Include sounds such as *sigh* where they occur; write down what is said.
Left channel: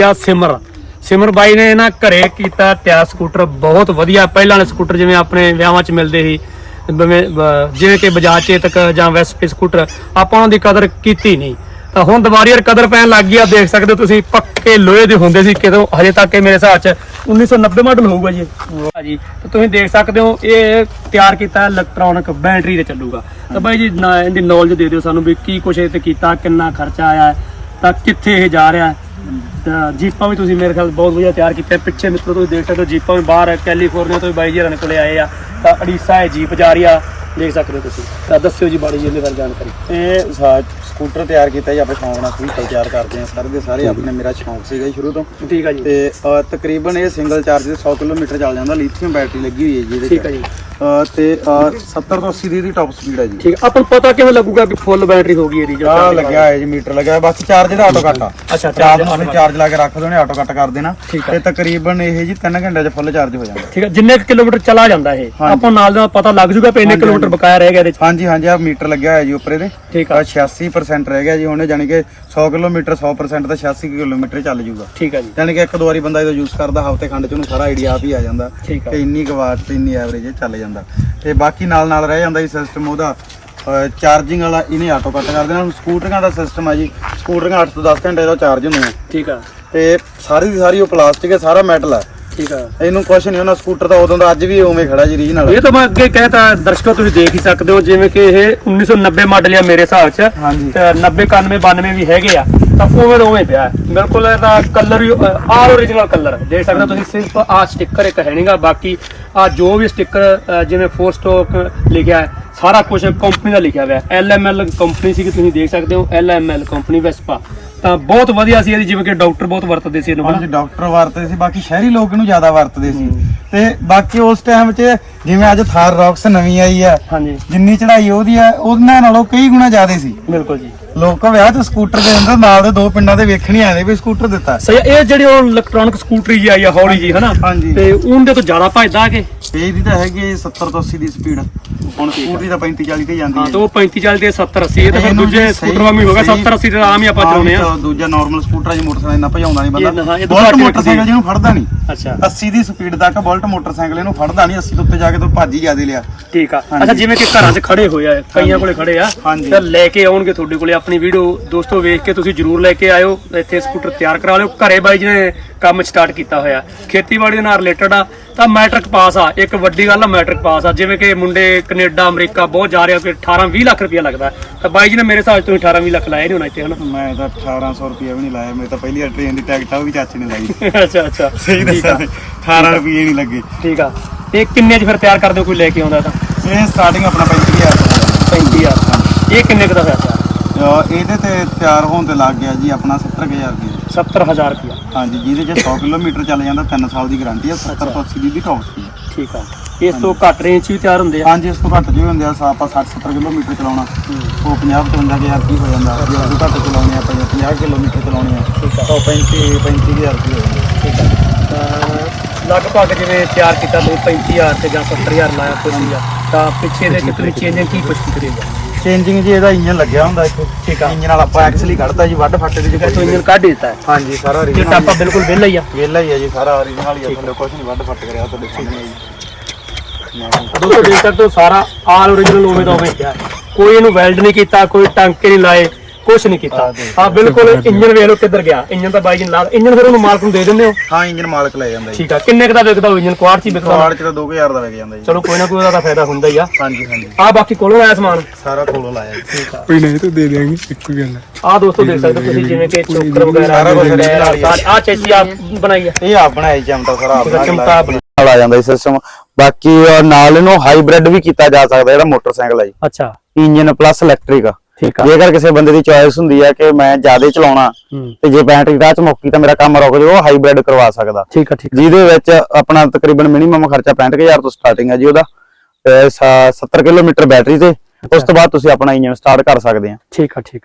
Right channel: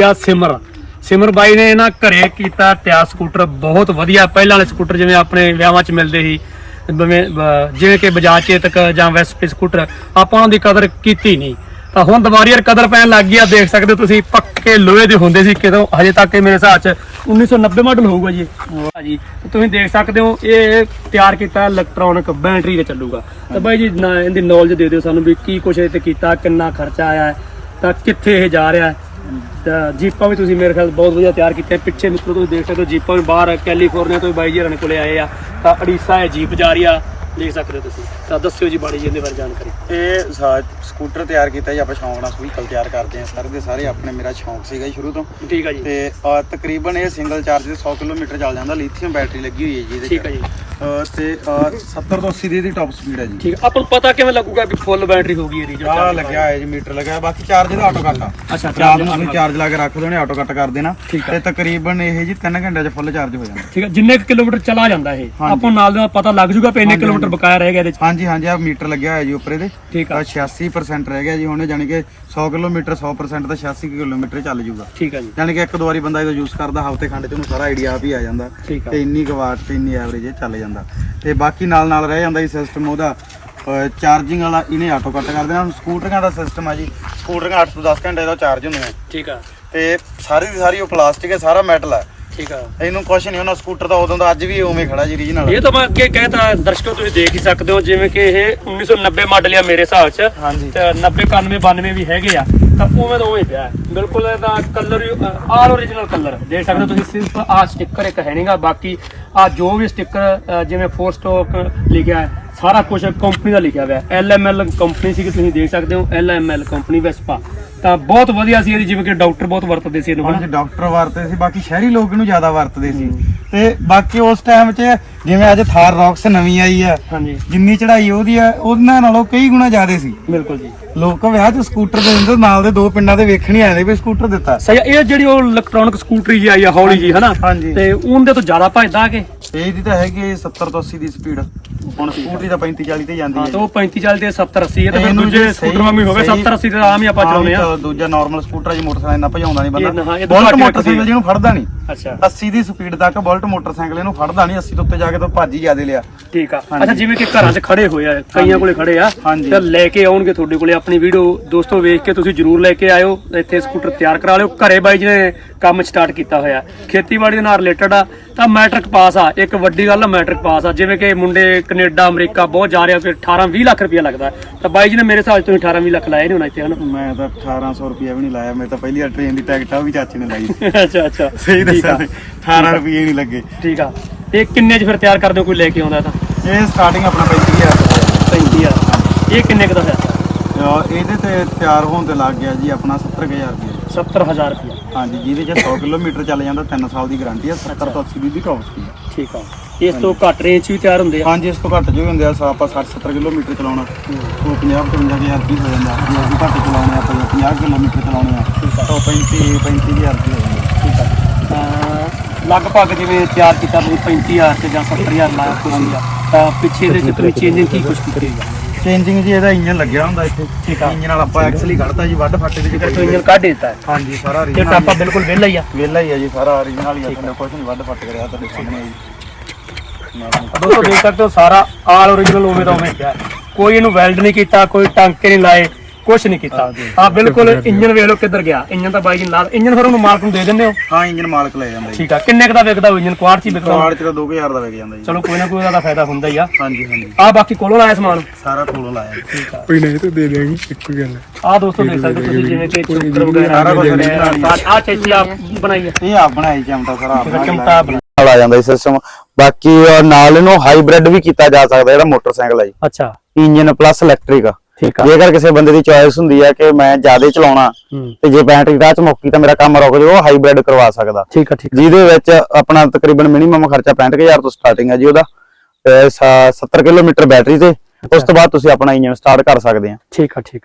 ਆ ਸਿਮਰ। ਸਿਮਰ ਬਾਈ ਨੇ ਨਾ ਘਰੇ ਕੀਤਾ ਤਿਆਰ ਸਕੂਟਰ, ਬਹੁਤ ਵਧੀਆ। ਪਹਿਲਾਂ ਵਾਲੇ ਸਕੂਟਰ ਜਿਵੇਂ ਆਪਣੇ ਵਿਆਹਾਂ 'ਚ ਮਿਲਦੇ ਸੀ, ਜਿਵੇਂ ਜਿਵੇਂ ਕਿ ਬਜਾਜ ਚੇਤਕ ਜਾਂ ਵੈਸਪੇ ਸਕੂਟਰ, ਆਪਾਂ ਉਹਨਾਂ ਦੀ ਕਦਰ ਕੀਤੀ ਨਹੀਂ। ਤਾਂ ਹੁਣ ਦੁਬਾਰੀ ਯਾਰ ਕਦਰ ਪੈਣ ਲੱਗ ਗਈ ਆ, ਦੇਖ ਸਕਦੇ ਹੋ ਤੁਸੀਂ, ਪੱਕੇ ਲੋਹੇ ਦੇ ਹੁੰਦੇ ਸੀ ਕਿਦੋਂ, ਹਜੇ ਤੱਕ ਇਹ ਮੇਰੇ ਹਿਸਾਬ 'ਚ 1990 ਮਾਡਲ ਹੋਊਗਾ ਜੀ। ਹਾਂਜੀ, ਤਾਂ ਤੁਸੀਂ ਦੇਖ ਸਕਦੇ ਹੋ, ਇਹ ਤਿਆਰ ਕੀਤਾ ਇਲੈਕਟ੍ਰੋਨਿਕ ਬੈਟਰੀ ਤੇ ਚੱਲੂਗਾ। ਤਾਂ ਬਾਈ ਜੀ, ਨਾ, ਇਹਦੀ ਨੌਲੇਜ ਦੇ ਦਿਓ ਸਾਨੂੰ ਵੀ ਕੀ ਕੁਛ ਇਹ ਤੇ ਕੀਤਾ, ਕਿੰਨਾ ਖਰਚਾ ਆਇਆ, ਤਾਂ ਕਿੱਥੇ ਇਹ ਜਾ ਰਿਹਾ। ਹੈ ਤਾਂ ਜੀਪਾਂ ਵੀ ਤੁਸੀਂ ਮੇਰੇ ਖਿਆਲ ਬਹੁਤ ਵਧੀਆ ਤਿਆਰ ਕੀਤੇ ਪਿੱਛੇ ਮਿੱਤਰੋ ਤੁਸੀਂ ਦੇਖ ਸਕਦੇ ਹੋ ਜੀਪਾਂ ਵੀ ਬਾਹਰ ਕੈਲੀਫੋਰਨੀਆ ਤੋਂ ਵੀ ਬਾਈ ਜੀ ਹਰਾਂ ਕੋਲੇ ਆਏ ਆ। ਤਾਂ ਅੜੀਸਾ ਹੈ ਜੀਪ ਜਾ ਰਹੀ ਆ ਦੇਖ ਸਕਦੇ ਹੋ ਤੁਸੀਂ। ਤਾਂ ਦੱਸਿਓ ਜੀ ਬਾੜੀ ਜੀ ਇਹਦੇ ਬਾਰੇ ਜਾਣਕਾਰੀ। ਇਹ ਸਾ- ਸਕੂਟਰ ਤਿਆਰ ਕੀਤਾ ਜੀ ਆਪਾਂ ਸ਼ੌਂਕ ਨਾਲ ਵਹੀਕਲ ਤਿਆਰ ਕਰਦੇ ਹਾਂ। ਸਾਰੇ ਦੇ ਸਾਰੇ ਆਪਣੇ ਮੇਰਾ ਸ਼ੌਂਕ ਸੀਗਾ ਜੀ ਸ਼ੁਰੂ ਤੋਂ। ਠੀਕ ਆ ਜੀ। ਤੇ ਤਕਰੀਬਨ ਇਹ ਸਿੰਗਲ ਚਾਰਜ ਦੇ 100 ਕਿਲੋਮੀਟਰ ਚੱਲ ਜਾਂਦਾ ਲਿਥੀਅਮ ਬੈਟਰੀ ਲੱਗੀ ਹੋਈ ਹੈ ਜੀ ਇਹਦੇ 'ਚ। ਠੀਕ ਆ ਜੀ। ਤੇ ਅ, 70 ਤੋਂ 80 ਦੀ ਇਹਦੀ ਟਾਪ ਸਪੀਡ ਹੈ ਜੀ। ਠੀਕ। ਆਪਾਂ ਨੂੰ ਪਤਾ ਕਿਵੇਂ ਲੱਗੂਗਾ ਕਿ ਫੁੱਲ ਬੈਟਰੀ ਹੋ ਗਈ ਇਹਦੀ ਆ ਲੱਗਿਆ ਹੋਇਆ ਜੀ ਮੀਟਰ ਲੱਗਿਆ। ਬਾਕੀ ਚਾਰਜ ਦਾ ਆਟੋ ਕੱਟ ਆ। ਅੱਛਾ ਚਾਰਜ ਨੂੰ ਚਾਰਜ ਲਾ ਕੇ ਰੱਖ ਦੋ ਨੇ ਆਟੋ ਕੱਟ ਕਰ ਦੇਣਾ। ਤੇ ਤਕਰੀਬਨ ਇਹ ਜੀ 3 ਘੰਟੇ 'ਚ ਫੁੱਲ ਚਾਰਜ ਹੋ ਜਾਂਦਾ। ਠੀਕ ਆ ਜਿੰਨੇ ਕੁ ਕਿਲੋਮੀਟਰ ਚਲਾ ਜਾਂਦਾ ਇਹ। ਆਪਾਂ ਨਾਲ ਦਾ ਪਤਾ ਲੱਗ ਜੂਗਾ ਵੀ ਇੰਨੇ ਕਿਲੋਮੀਟਰ ਬਕਾਇਆ ਰਹਿ ਗਿਆ ਇਹਦੇ ਚ। ਹਾਂਜੀ ਹਾਂਜੀ ਆ ਮੀਟਰ ਲੱਗਿਆ ਹੋਇਆ ਜੀ ਉੱਪਰ ਇਹਦੇ। ਠੀਕ ਆ। ਆ 86% ਰਹਿ ਗਿਆ ਜੀ ਹੁਣ ਜਾਨੀ ਕਿ 100 ਕਿਲੋਮੀਟਰ 100% ਤਾਂ 86 ਕਿਲੋਮੀਟਰ ਚੱਲ ਜੂਗਾ। ਠੀਕ ਆ ਜੀ। ਯਾਨੀ ਕਿ ਇੱਕ ਦੋ ਵਾਰੀ ਬੰਦਾ ਇਹਦਾ ਯੂਜ਼ ਕਰਦਾ ਹਫ਼ਤੇ ਖੰਡ ਚ ਉਹਨੂੰ ਸਾਰਾ ਆਈਡੀਆ ਆਪ ਹੀ ਆ ਜਾਂਦਾ। ਤੇ ਇੰਨੀ ਕੁ ਵਾਟ ਤੇ ਇੰਨੀ ਐਵਰੇਜ ਚੱਲ ਜਾਂਦਾ। ਤੇ ਬਾਕੀ ਨਾਲ ਨਾਲ ਰਹਿ ਜਾਂਦਾ ਜੀ ਸਿਸਟਮ ਉਹਦਾ। ਚਾਰਜਿੰਗ ਵਾਲਾ ਇਹਨੇ ਆਟੋ ਕੱਟ ਕਰ ਦੇਣਾ। ਹੁਣ ਸਕੂਟਰਾਂ ਦਾ ਸਿਸਟਮ ਆ ਜੀ। ਸਕੂਟਰਾਂ 8 ਤੋਂ 10 ਘੰਟੇ ਦਾ ਚਾਰਜ ਹੁੰਦੇ ਆ। ਠੀਕ ਆ। ਤੇ ਸਾਰੀ ਦੀ ਸਾਰੀ ਉਹ ਪਲਾਸਟਿਕ ਹੈ ਸਾਰਾ ਮੈਟਲ ਹੈ ਠੀਕ ਆ। ਇਹਨੂੰ ਕੁਛ ਨਹੀਂ ਉਹਨਾਂ ਸਕੂਟਰ ਤਾਂ ਉਦੋਂ ਦਾ ਅੱਜ ਵੀ ਉਵੇਂ ਖੜਾ ਜੀ ਰੀਜਨਲ ਇਹ ਤਾਂ ਮੈਂ ਅੱਗੇ ਕਹਿਤਾ ਦਰਸ਼ਕੋ ਤੁਸੀਂ ਦੇਖ ਹੀ ਸਕਦੇ ਹੋ ਜਿਵੇਂ ਕਿ ਇਹ 1990 ਮਾਡਲ ਆ ਮੇਰੇ ਹਿਸਾਬ 'ਚ। ਹਾਂਜੀ। ਤੇ 90 91 92 ਵੀ ਹੈਗੇ ਆ। ਤਾਂ ਉਵੇਂ ਦਾ ਉਵੇਂ ਪਿਆ ਹੈ। ਬਿਲਕੁਲ ਇਹਦਾ ਕਲਰ ਆਲ ਓਰੀਜਨਲ ਕਲਰ ਦੇਖ ਸਕਦੇ ਹੋ ਤੁਸੀਂ ਸਿਰਫ ਆ ਸਟicker ਇੱਕ ਹੈ ਨਹੀਂਗਾ ਬਾਕੀ ਆ ਜੋ ਵੀ ਸਟicker ਜਿਵੇਂ ਫੋਰ ਸਟੋਕ ਲਿਖਿਆ ਹੈ ਸਾਰਾ ਕੁਝ ਕੰਪਨੀ ਦਾ ਲਿਖਿਆ ਹੋਇਆ ਹੈ। LML ਕੰਪਨੀ ਸੀ ਕਿ ਤੁਸੀਂ ਦੇਖ ਸਕਦੇ ਹੋ LML ਕੰਪਨੀ ਵੈਸਪਾ ਤਾਂ ਬਹੁਤ ਵਧੀਆ ਸੀ ਇਹਦੀ ਜਿਵੇਂ ਕਿ ਡਾਕਟਰ ਬਹੁਤ ਵਰਤਦੇ ਸੀ ਇਹਨੂੰ ਹਾਂਜੀ ਡਾਕਟਰ ਵਰਤਦੇ ਸੀ ਬਾਕੀ ਸ਼ਹਿਰੀ ਲੋਕ ਇਹਨੂੰ ਜ਼ਿਆਦਾ ਵਰਤਦੇ ਸੀ। ਤੇ ਬਾਕੀ ਉਸ ਟਾਈਮ 'ਚ ਜਿਵੇਂ ਅੱਜ ਥਾਰ ਰੌਕਸ ਨਵੀਂ ਆਈ ਆ ਹਾਂਜੀ। ਜਿੰਨੀ ਚੜ੍ਹਾਈ ਉਹਦੀ ਆ ਉਹਨਾਂ ਨਾਲੋਂ ਕਈ ਗੁਣਾ ਜ਼ਿਆਦਾ ਸੀ। ਬਿਲਕੁਲ ਜੀ। ਲੋਕ ਵਿਆਹ ਤੇ ਸਕੂਟਰ ਦੇ ਦਿੰਦੇ ਨਾਲ ਦੇ ਦੋ ਪਿੰਡਾਂ ਦੇ ਵੇਖਣ ਹੀ ਆਉਂਦੇ ਵੀ ਸਕੂਟਰ ਦਿੱਤਾ। ਸਹੀ ਇਹ ਜਿਹੜੀ ਉਹ ਇਲੈਕਟ੍ਰੋਨਿਕ ਸਕੂਟਰੀ ਜੀ ਆਈ ਆ ਹੌਲੀ ਜੀ ਹਨਾ। ਤੇ ਉਹਦੇ ਤੋਂ ਜ਼ਿਆਦਾ ਭਜਦਾ ਕਿ? ਇਹਦੀ ਤਾਂ ਹੈਗੀ ਹੈ 70 ਤੋਂ 80 ਦੀ ਸਪੀਡ ਹੁਣ ਸਕੂਟਰੀ ਤਾਂ 35 40 ਤੇ ਜਾਂਦੀ ਹਾਂ ਹੈ ਤੇ ਉਹ 35 ਚੱਲਦੇ 70 80 ਇਹ ਤਾਂ ਫਿਰ ਦੂਜੇ ਸਕੂਟਰ ਵਾਂਗ ਹੀ ਹੋ ਗਿਆ ਸਹੀ- 70 80 ਦਾ ਆਮ ਹੀ ਆਪਾਂ ਚਲਾਉਣੇ ਆ। ਤਾਂ ਦੂਜਾ ਨਾਰਮਲ ਸਕੂਟਰ ਜੀ ਮੋਟਰਸਾਈਕਲ ਨਾਲ ਭਜਾਉਂਦਾ ਨਹੀਂ ਬੰਦਾ। ਘੱਟ ਮੋਟਰਸਾਈਕਲ ਜਿਹਨੂੰ ਫੜਦਾ ਨਹੀਂ। ਅੱਛਾ। 80 ਦੀ ਸਪੀਡ ਤੱਕ ਬੁਲਟ ਮੋਟਰਸਾਈਕਲ ਇਹਨੂੰ ਫੜਦਾ ਨਹੀਂ 80 ਤੋਂ ਉੱਤੇ ਜਾ ਕੇ ਤਾਂ ਭੱਜ ਹੀ ਲਿਆ। ਠੀਕ ਆ। ਅੱਛਾ ਜਿਵੇਂ ਕਿ ਘਰਾਂ 'ਚ ਖੜੇ ਹੋਏ ਆ ਕਈਆਂ ਕੋਲੇ ਖੜੇ ਆ। ਤਾਂ ਲੈ ਕੇ ਆਉਣਗੇ ਤੁਹਾਡੇ ਕੋਲੇ ਆਪਣੀ ਵੀਡੀਓ। ਦੋਸਤੋ ਵੇਖ ਕੇ ਤੁਸੀਂ ਜਰੂਰ ਲੈ ਕੇ ਆਇਓ ਇੱਥੇ ਸਕੂਟਰ ਤਿਆਰ ਕਰਾ ਲਿਓ। ਘਰੇ ਬਾਈ ਜੀ ਨੇ ਕੰਮ ਸਟਾਰਟ ਕੀਤਾ ਹੋਇਆ। ਖੇਤੀਬਾੜੀ ਦੇ ਨਾਲ ਰਿਲੇਟਡ ਆ ਤਾਂ ਮੈਟ੍ਰਿਕ ਪਾਸ ਆ। ਇੱਕ ਵੱਡੀ ਗੱਲ ਆ ਮੈਟ੍ਰਿਕ ਪਾਸ ਆ। ਜਿਵੇਂ ਕਿ ਮੁੰਡੇ ਕੈਨੇਡਾ ਅਮਰੀਕਾ ਬਹੁਤ ਜਾ ਰਹੇ ਆ ਕਿ 18 20 ਲੱਖ ਰੁਪਇਆ ਲੱਗਦਾ। ਤਾਂ ਬਾਈ ਜੀ ਨੇ ਮੇਰੇ ਹਿਸਾਬ ਤੁਸੀਂ 18 20 ਲੱਖ ਲਾਇਆ ਨਹੀਂ ਹੋਣਾ ਇੱਥੇ ਹਨਾ? ਮੈਂ ਤਾਂ 1800 ਰੁਪਏ ਵੀ ਨਹੀਂ ਲਾਇਆ। ਮੈਂ ਤਾਂ ਪਹਿਲੀ ਵਾਰ ਟ੍ਰੇਨ ਦੀ ਟਿਕਟ ਆ ਉਹ ਵੀ ਚਾਚੇ ਨੇ ਲਾਈ। *laughs* ਅੱਛਾ ਅੱਛਾ। ਸਹੀ ਠੀਕ ਆ, ਦੱਸਾਂ ਤੇ 18 ਰੁਪਏ ਨਹੀਂ ਲੱਗੇ। ਠੀਕ ਆ। ਤੇ ਕਿੰਨੇ 'ਚ ਫਿਰ ਤਿਆਰ ਕਰਦੇ ਹੋ ਕੋਈ ਲੈ ਕੇ ਆਉਂਦਾ ਤਾਂ? ਇਹ ਸਟਾਰਟਿੰਗ ਆਪਣਾ 35000 ਤੋਂ ਹੋ ਜਾਂਦਾ 35000 ਇਹ ਕਿੰਨੇ ਕੁ ਦਾ ਹੋਇਆ ਤਿਆਰ? ਅਹ ਇਹਦੇ ਤੇ ਤਿਆਰ ਹੋਣ ਤੇ ਲੱਗ ਗਿਆ ਜੀ ਆਪਣਾ 70000 ਰੁਪਏ। 70000 ਰੁਪਇਆ। ਹਾਂਜੀ ਜਿਹਦੇ ਚ 100 ਕਿਲੋਮੀਟਰ ਚੱਲ ਜਾਂਦਾ 3 ਸਾਲ ਦੀ ਗਾਰੰਟੀ ਹੈ 70 ਤੋਂ 80 ਦੀ ਦੀ ਟੌਪ ਸਪੀਡ ਹੈ ਠੀਕ ਆ। ਇਸ ਤੋਂ ਘੱਟ ਰੇਂਜ 'ਚ ਵੀ ਤਿਆਰ ਹੁੰਦੇ ਆ? ਹਾਂਜੀ ਇਸ ਤੋਂ ਘੱਟ ਜੇ ਹੁੰਦੇ ਆ ਸਾ ਆਪਾਂ 60 70 ਕਿਲੋਮੀਟਰ ਚਲਾਉਣਾ। ਉਹ 50 55000 ਦੀ ਹੋ ਜਾਂਦਾ। ਜੇ ਅਸੀਂ ਘੱਟ ਚਲਾਉਣੇ ਆ ਆਪਾਂ 50 ਕਿਲੋਮੀਟਰ ਚਲਾਉਣੇ ਆ। ਠੀਕ ਆ। ਤਾਂ 35 35000 ਦੀ ਹੋ ਜਾਂਦੀ ਠੀਕ ਆ। ਲਗਭਗ ਜਿਵੇਂ ਤਿਆਰ ਕੀਤਾ ਤੁਸੀਂ 35000 ਤੇ ਜਾਂ 70000 ਲਾਇਆ ਕੁਝ ਵੀ ਆ ਤਾਂ ਪਿੱਛੇ ਦੇ ਚ ਤੁਸੀਂ ਚੇਂਜਿੰਗ ਕੀ ਕੁਝ ਕੀਤੀ ਆ? ਚੇਂਜਿੰਗ ਜੀ ਇਹਦਾ ਇੰਜਨ ਲੱਗਿਆ ਹੁੰਦਾ ਇੱਥੇ। ਠੀਕ ਆ। ਇੰਜਨ ਨਾਲ ਆਪਾਂ ਐਕਸਲ ਕੱਢਦਾ ਜੀ ਵੱਡ ਫੱਟੇ ਦੇ ਆ ਤੂੰ ਇੰਜਨ ਕੱਢ ਦਿੱਤਾ ਹੈ। ਹਾਂਜੀ ਸਾਰਾ ਇਹ original ਤਾਂ ਆਪਾਂ ਬਿਲਕੁਲ ਵਿਹਲਾ ਹੀ ਆ। ਵਿਹਲਾ ਹੀ ਹੈ ਜੀ ਸਾਰਾ original ਹੀ ਹੈ ਥੱਲੇ ਕੁਝ ਨਹੀਂ ਵੱਡ ਫੱਟ ਕਰਿਆ ਤੁਹਾਡੇ ਸਾਹਮਣੇ ਜੀ। ਮੈਂ ਦੋਸਤੋ ਦੇਖ ਸਕਦੇ ਹੋ ਸਾਰਾ ਆਲ ਓਰੀਜਨਲ ਉਵੇਂ ਦਾ ਉਵੇਂ ਪਿਆ। ਹੈ। ਕੋਈ ਇਹਨੂੰ ਵੈਲਡ ਨਹੀਂ ਕੀਤਾ ਕੋਈ ਟਾਂਕੇ ਨਹੀਂ ਲਾਏ। ਕੁਝ ਨਹੀਂ ਕੀਤਾ। ਆ ਬਿਲਕੁਲ ਇੰਜਨ ਵੇਖ ਲਓ ਕਿੱਧਰ ਗਿਆ। ਇੰਜਨ ਤਾਂ ਬਾਈ ਜੀ ਨਾਲ ਇੰਜਨ ਫਿਰ ਉਹਨੂੰ ਮਾਲਕ ਨੂੰ ਦੇ ਦਿੰਦੇ ਹੋ? ਹਾਂ ਇੰਜਨ ਮਾਲਕ ਲੈ ਜਾਂਦਾ ਜੀ। ਠੀਕ ਆ ਕਿੰਨੇ ਕੁ ਦਾ ਵਿਕਦਾ ਉਹ ਇੰਜਨ ਕੁਆਰ ਚ ਹੀ ਵਿਕਦਾ ਕਾਰਡ ਚ ਤਾਂ 2000 ਦਾ ਵਿਕ ਜਾਂਦਾ ਜੀ। ਚਲੋ ਕੋਈ ਨਾ ਕੋਈ ਉਹਦਾ ਤਾਂ ਫਾਇਦਾ ਹੁੰਦਾ ਹੀ ਆ। ਹਾਂਜੀ ਹਾਂਜੀ। ਆ ਬਾਕੀ ਕੋਲੋਂ ਆਇਆ ਸਮਾਨ? ਸਾਰਾ ਕੋਲੋਂ ਲਾਇਆ ਜੀ। ਠੀਕ ਆ। ਕੋਈ ਨਹੀਂ ਤਾਂ ਦੇ ਦਿਆਂਗੇ ਇੱਕੋ ਗੱਲ ਆ ਦੋਸਤੋ ਦੇਖ ਸਕਦੇ ਹੋ ਤੁਸੀਂ ਜਿਵੇਂ ਕਿ ਚੋਕਰ ਵਗੈਰਾ ਸਾਰਾ ਕੁਝ original ਵਾਲੀ ਆ। ਆ ਚੈਸੀ ਆ ਬਣਾਈ ਆ। ਇਹ ਆਪ ਬਣਾਇਆ ਜੀ ਚਮਟਾ ਸਾਰਾ ਆਪ ਬਣਾਇਆ। ਚਮਤਾ ਬਣਾ ਨਾਲ ਆ ਜਾਂਦਾ ਸਿਸਟਮ ਬਾਕੀ ਨਾਲ ਇਹਨੂੰ ਹਾਈਬ੍ਰਿਡ ਵੀ ਕੀਤਾ ਜਾ ਸਕਦਾ ਜਿਹੜਾ ਮੋਟਰਸਾਈਕਲ ਹੈ ਜੀ। ਅੱਛਾ। ਇੰਜਨ ਪਲੱਸ ਇਲੈਕਟ੍ਰਿਕ ਠੀਕ ਆ। ਜੇਕਰ ਕਿਸੇ ਬੰਦੇ ਦੀ ਚੋਇਸ ਹੁੰਦੀ ਹੈ ਕਿ ਮੈਂ ਜ਼ਿਆਦਾ ਚਲਾਉਣਾ ਤੇ ਜੇ ਬੈਟਰੀ ਰਾਹ ਚ ਮੁੱਕੀ ਤਾਂ ਮੇਰਾ ਕੰਮ ਰੁਕ ਜਾਊ ਉਹ ਹਾਈਬ੍ਰਿਡ ਕਰਵਾ ਸਕਦਾ। ਠੀਕ ਆ ਠੀਕ ਜਿਹਦੇ ਵਿੱਚ ਆਪਣਾ ਤਕਰੀਬਨ ਮਿਨੀਮਮ ਖਰਚਾ 65000 ਤੋਂ ਸਟਾਰਟਿੰਗ ਹੈ ਜੀ ਉਹਦਾ। ਤੇ ਸ- 70 ਕਿਲੋਮੀਟਰ ਬੈਟਰੀ ਤੇ ਉਸ ਤੋਂ ਬਾਅਦ ਤੁਸੀਂ ਆਪਣਾ ਇੰਜਨ ਸਟਾਰਟ ਕਰ ਸਕਦੇ ਆ। ਠੀਕ ਆ ਠੀਕ